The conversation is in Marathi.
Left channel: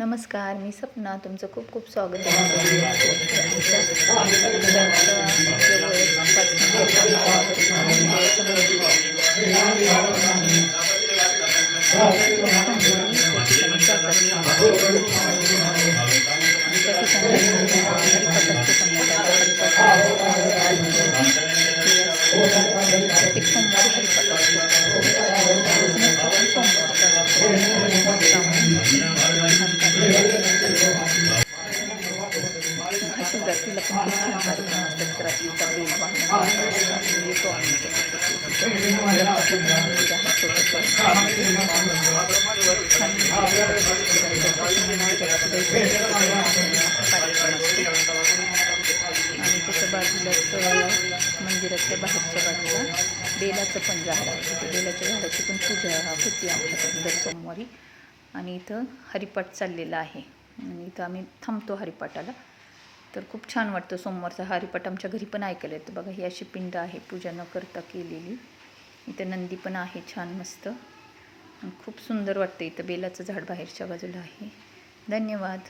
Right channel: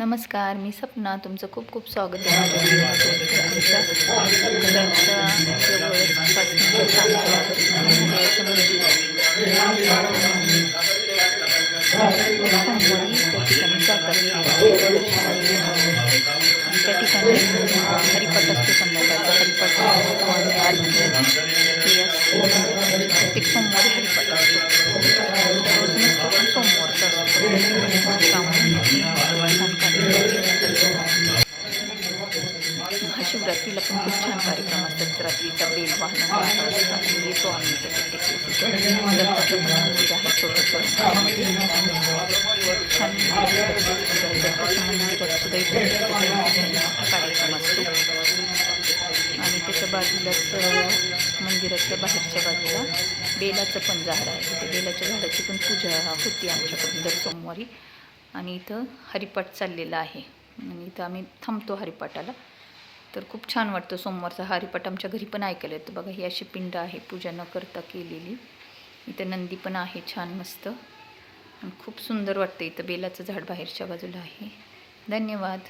नमस्कार, मी सपना. तुमचं खूप खूप स्वागत आहे माझ्या व्हिडिओमध्ये. आमच्या घराच्या जवळच 5 मिनिटाच्या अंतरावर महादेवाचं मंदिर आहे. सोमवारी त्या ठिकाणी जातात त्या ठिकाणी हरिपाठ असतो संध्याकाळचा. हरिपाठ आरती प्रत्येक सोमवारी हरिपाठ असतो. रोज नसतो पण सोमवारचा असतो. छान कार्यक्रम. महाशिवरात्रीला पण खूप छान कार्यक्रम असतात. रात्रीचा बेल वाहन असतात. येतो आम्ही प्रत्येक मंदिर आहे छोटंसं छान कार्यक्रम असतो. आणि त्याच्या बाजूलाच मंदिराच्या बाहेरच्या बाजूला बेलाचं पण झाड आहे. त्या बेलाच्या झाडाची पण पूजा होती आमच्याकडे दर सोमवारी. आणि इथं हरिपाठ चाललेला आहे आणि इथं आम्ही थांबतो हरिपाठाला. तर खूप छान वाटतं सोमवारचा हरिपाठ. आमच्या घरी पण ऐकायला येतं बघा. ही अशी पिंड आहे पूजा न करता केलेली. इथं नंदी पण आहे छान मस्त आणि खूप सुंदर वाटतं. इथं बेलाचं झाड बाहेरच्या बाजूला आहे. धन्यवाद.